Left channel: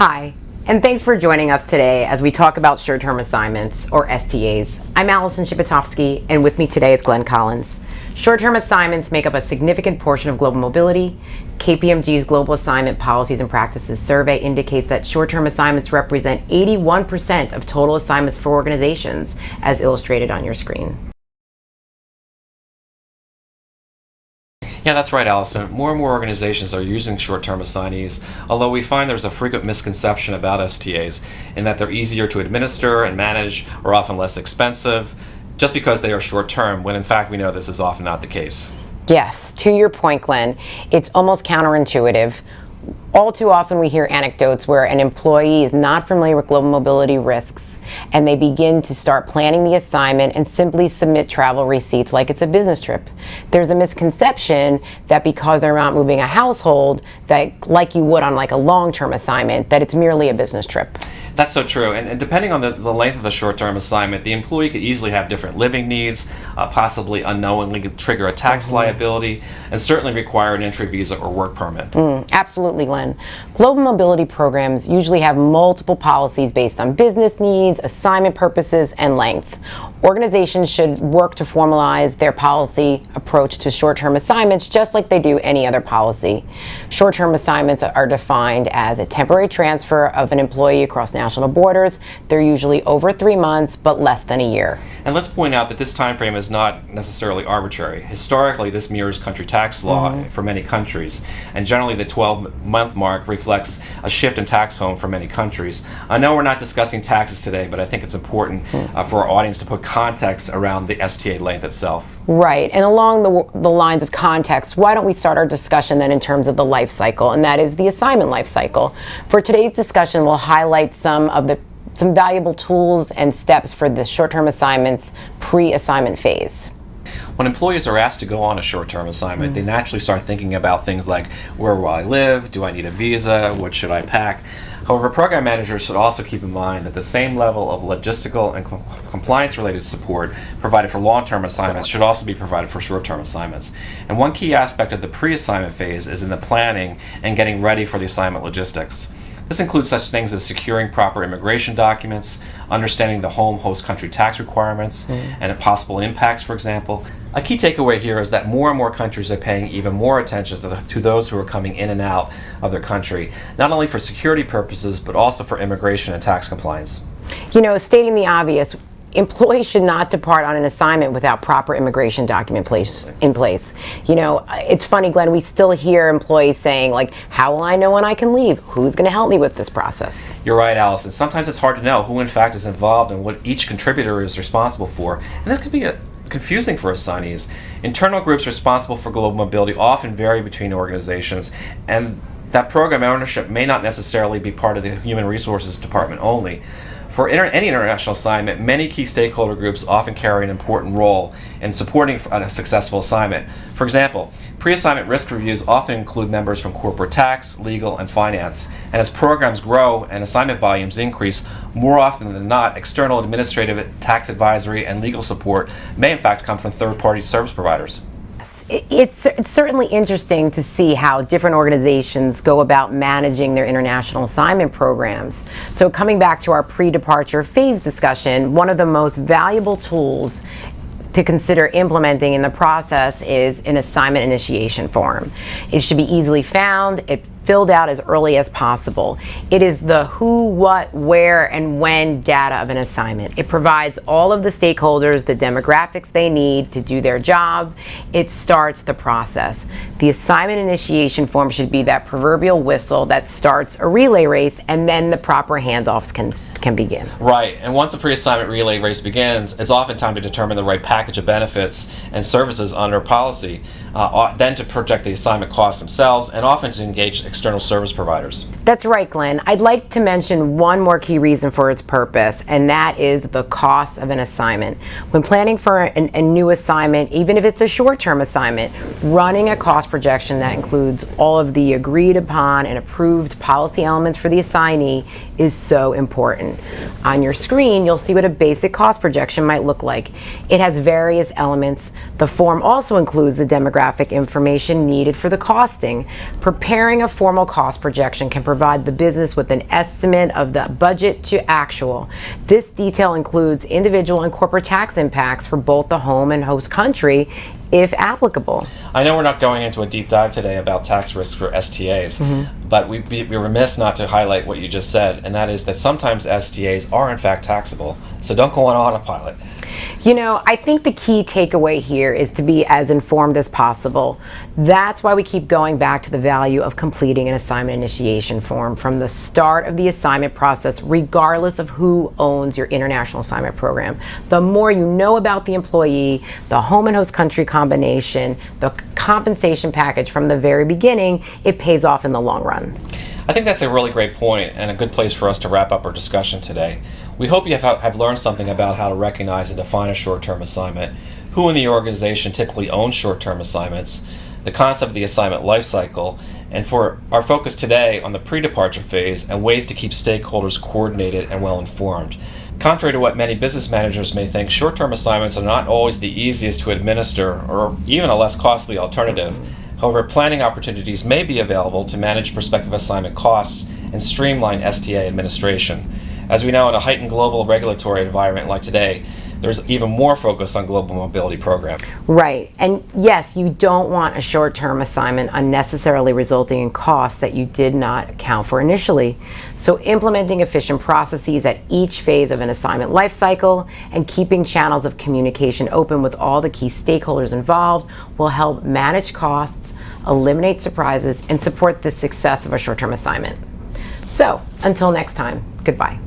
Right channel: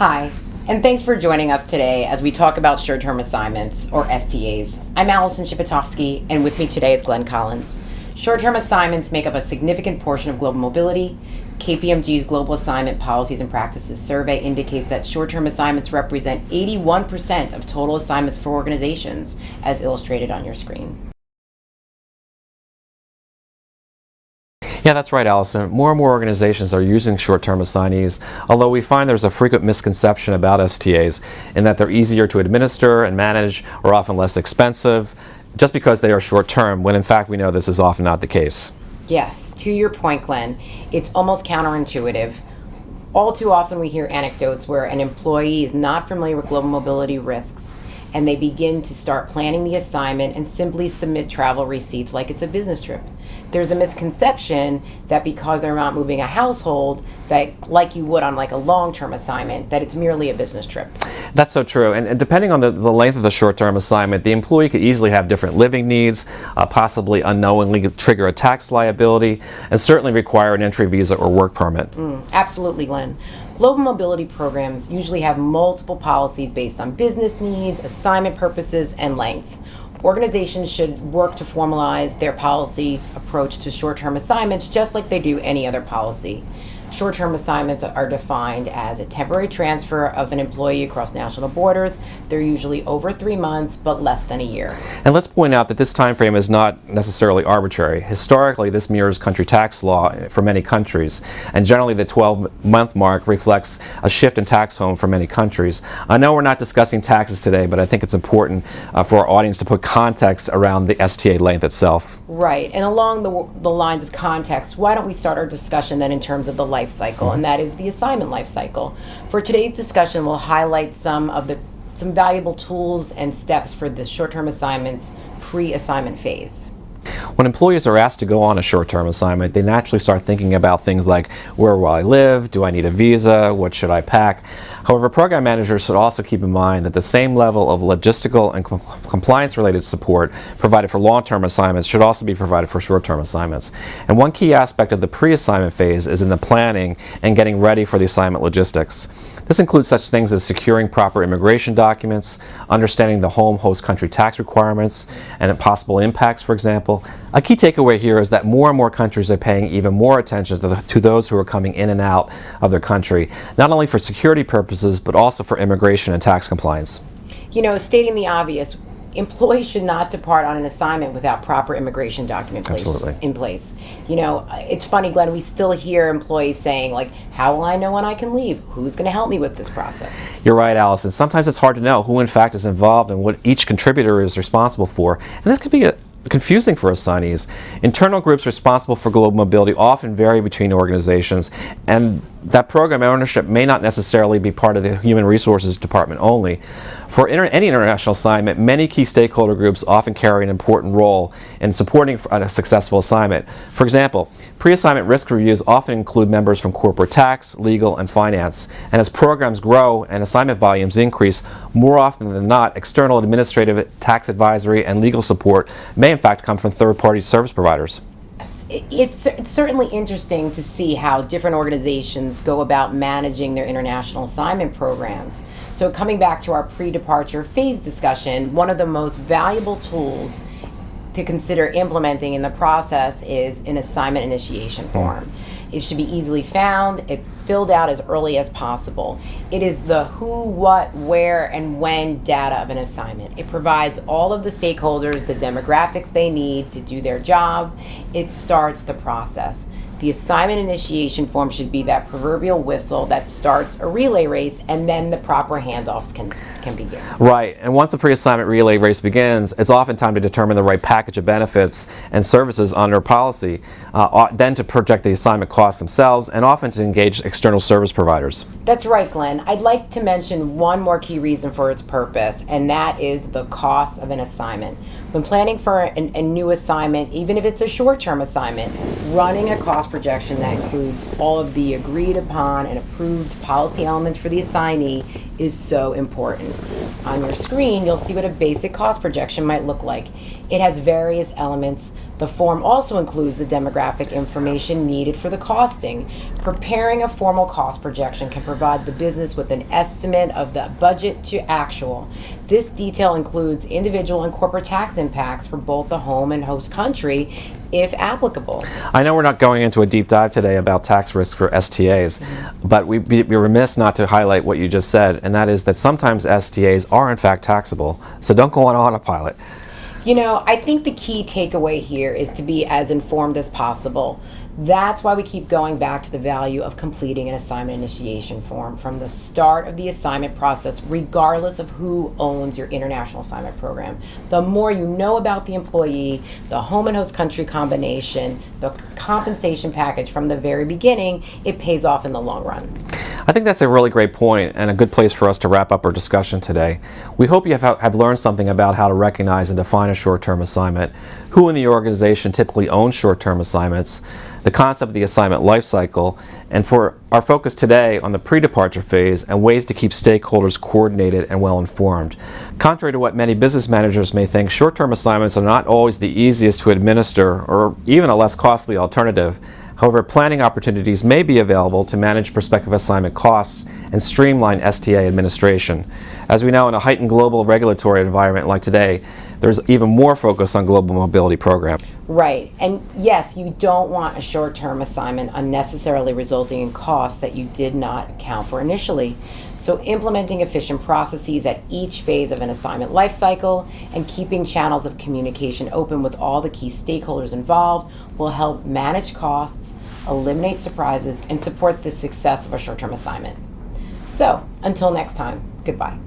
Hi, and thanks for joining us today as we talk about short-term assignments, or STAs. I'm Alison Shipitofsky, and with me today is Glen. Short-term assignments make up a significant portion of global mobility. KPMG's Global Assignment Policies and Practices survey indicates that short-term assignments represent 81% of total assignments for organizations, as illustrated on your screen. Yeah, that's right, Alison. More and more organizations are using short-term assignees, although we find there's a frequent misconception about STAs in that they're easier to administer and manage or often less expensive just because they are short-term, when in fact we know this is often not the case. Yes, to your point, Glenn, it's almost counterintuitive. All too often we hear anecdotes where an employee is not familiar with global mobility risks and they begin to start planning the assignment and simply submit travel receipts like it's a business trip. There's a misconception that because they're not moving a household, that like you would on like a long-term assignment, that it's merely a business trip. That's so true, and depending on the length of the short-term assignment, the employee could easily have different living needs, possibly unknowingly trigger a tax liability, and certainly require an entry visa or work permit. Absolutely, Glenn. Global mobility programs usually have multiple policies based on business needs, assignment purposes, and length. Organizations should work to formalize their policy approach to short-term assignments just like they do any other policy. Short-term assignments are defined as a temporary transfer of an employee across national borders. They're usually over 3 months, but less than a year. And let's point out that this time frame is not necessarily arbitrary. Historically, this mirrors country tax law for many countries, and generally the 12-month mark reflects a shift in tax home for many countries. I know we're not discussing taxes today, but I think it's important for our audience to put context around the STA length itself. Right, and along the lines of context, why don't we start our discussion then in terms of the life cycle, and that is the assignment life cycle. For today's discussion, we'll highlight some valuable tools and steps for the short-term assignments pre-assignment phase. When employees are asked to go on a short-term assignment, they naturally start thinking about things like, where will I live? Do I need a visa? What should I pack? However, program managers should also keep in mind that the same level of logistical and compliance-related support provided for long-term assignments should also be provided for short-term assignments. And one key aspect of the pre-assignment phase is in the planning and getting ready for the assignment logistics. This includes such things as securing proper immigration documents, understanding the home host country tax requirements, and possible impacts, for example. A key takeaway here is that more and more countries are paying even more attention to those who are coming in and out of their country, not only for security purposes, but also for immigration and tax compliance. You know, stating the obvious, employees should not depart on an assignment without proper immigration document in place. You know, it's funny, Glenn, we still hear employees saying, like, how will I know when I can leave? Who's going to help me with this process? You're right, Alison. Sometimes it's hard to know who in fact is involved and what each contributor is responsible for. And this could be confusing for assignees. Internal groups responsible for global mobility often vary between organizations, and that program ownership may not necessarily be part of the Human Resources Department only. For any international assignment, many key stakeholder groups often carry an important role in supporting a successful assignment. For example, pre-assignment risk reviews often include members from corporate tax, legal, and finance. And as programs grow and assignment volumes increase, more often than not, external administrative, tax advisory, and legal support may in fact come from third-party service providers. It's certainly interesting to see how different organizations go about managing their international assignment programs. So coming back to our pre-departure phase discussion, one of the most valuable tools to consider implementing in the process is an assignment initiation form. It should be easily found, it's filled out as early as possible. It is the who, what, where, and when data of an assignment. It provides all of the stakeholders the demographics they need to do their job. It starts the process. The assignment initiation form should be that proverbial whistle that starts a relay race, and then the proper handoffs can begin. Right, and once the pre-assignment relay race begins, it's often time to determine the right package of benefits and services under policy, then to project the assignment costs themselves, and often to engage external service providers. That's right, Glenn. I'd like to mention one more key reason for its purpose, and that is the cost of an assignment. When planning for a new assignment, even if it's a short-term assignment, running a cost projection that includes all of the agreed upon and approved policy elements for the assignee is so important. On your screen, you'll see what a basic cost projection might look like. It has various elements. The form also includes the demographic information needed for the costing. Preparing a formal cost projection can provide the business with an estimate of the budget to actual. This detail includes individual and corporate tax impacts for both the home and host country, if applicable. I know we're not going into a deep dive today about tax risks for STAs, but we'd be remiss not to highlight what you just said, and that is that sometimes STAs are in fact taxable. So don't go on autopilot. You know, I think the key takeaway here is to be as informed as possible. That's why we keep going back to the value of completing an assignment initiation form from the start of the assignment process, regardless of who owns your international assignment program. The more you know about the employee, the home and host country combination, the compensation package from the very beginning, it pays off in the long run. I think that's a really great point and a good place for us to wrap up our discussion today. We hope you have learned something about how to recognize and define a short-term assignment, who in the organization typically owns short-term assignments, the concept of the assignment lifecycle, and for our focus today on the pre-departure phase and ways to keep stakeholders coordinated and well-informed. Contrary to what many business managers may think, short-term assignments are not always the easiest to administer or even a less costly alternative. However, planning opportunities may be available to manage prospective assignment costs and streamline STA administration. As we know, in a heightened global regulatory environment like today, there's even more focus on global mobility programs. Right, and yes, you don't want a short-term assignment unnecessarily resulting in costs that you did not account for initially. So implementing efficient processes at each phase of an assignment lifecycle and keeping channels of communication open with all the key stakeholders involved will help manage costs, eliminate surprises, and support the success of a short-term assignment. So, until next time, goodbye.